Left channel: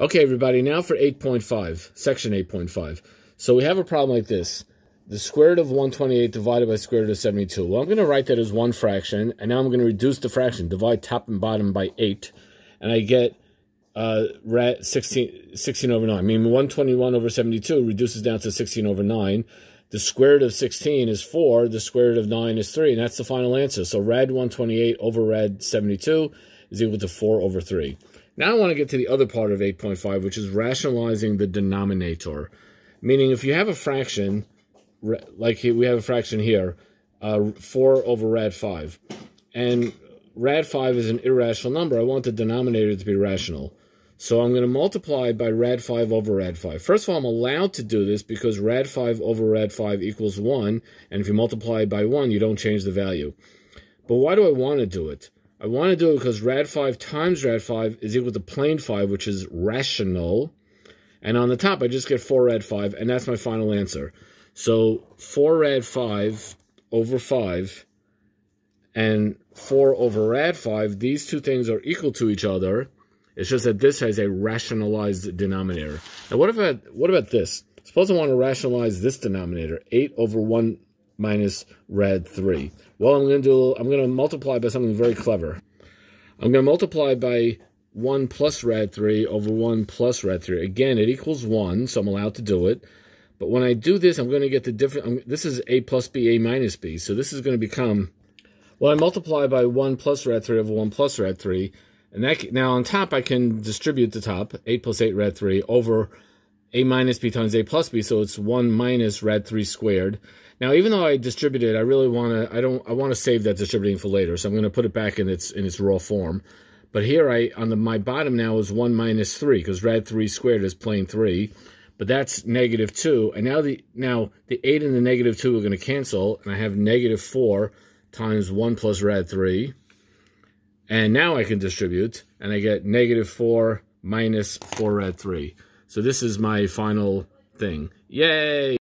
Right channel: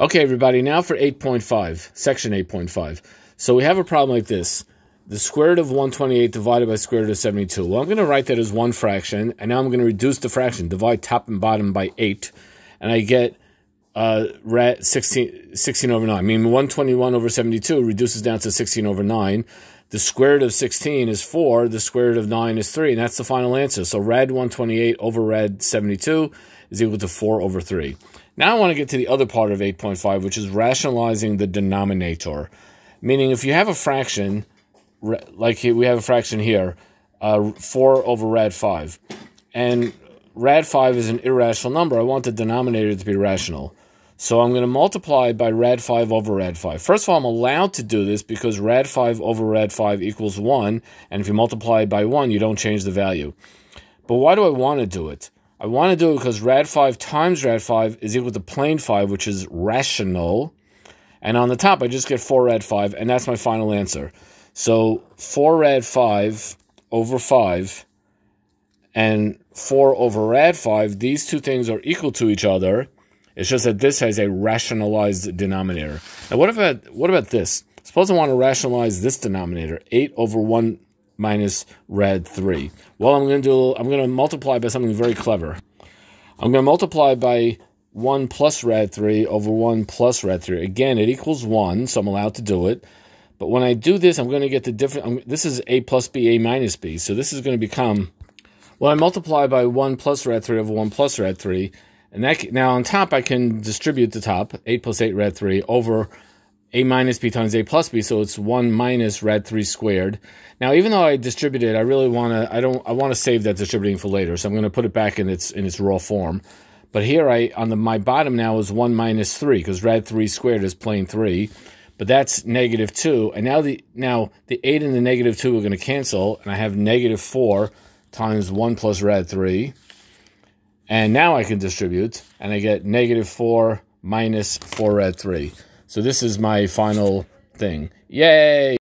Okay, everybody, now for 8.5, section 8.5. So we have a problem like this. The square root of 128 divided by square root of 72. Well, I'm going to write that as one fraction, and now I'm going to reduce the fraction, divide top and bottom by 8, and I get 16 over 9. I mean, 121 over 72 reduces down to 16 over 9. The square root of 16 is 4, the square root of 9 is 3, and that's the final answer. So rad 128 over rad 72 is equal to 4 over 3. Now I want to get to the other part of 8.5, which is rationalizing the denominator. Meaning if you have a fraction, like we have a fraction here, 4 over rad 5. And rad 5 is an irrational number. I want the denominator to be rational. So I'm going to multiply by rad 5 over rad 5. First of all, I'm allowed to do this because rad 5 over rad 5 equals 1. And if you multiply by 1, you don't change the value. But why do I want to do it? I want to do it because rad 5 times rad 5 is equal to plane 5, which is rational. And on the top, I just get 4 rad 5, and that's my final answer. So 4 rad 5 over 5 and 4 over rad 5, these two things are equal to each other. It's just that this has a rationalized denominator. Now, what about this? Suppose I want to rationalize this denominator, 8 over 1 minus rad 3. Well, I'm going to multiply by something very clever. I'm going to multiply by 1 plus rad 3 over 1 plus rad 3. Again, it equals 1, so I'm allowed to do it. But when I do this, I'm going to get the different. This is a plus b, a minus b. So this is going to become, well, I multiply by 1 plus rad 3 over 1 plus rad 3. And that, now on top, I can distribute the top, 8 plus 8 rad 3, over a minus b times a plus b. So it's 1 minus rad 3 squared. Now, even though I distributed, I really want to, I want to save that distributing for later. So I'm going to put it back in its raw form. But here, my bottom now is 1 minus 3, because rad 3 squared is plane 3. But that's negative 2. And now the 8 and the negative 2 are going to cancel. And I have negative 4 times 1 plus rad 3. And now I can distribute. And I get negative 4 minus 4 rad 3. So this is my final thing. Yay!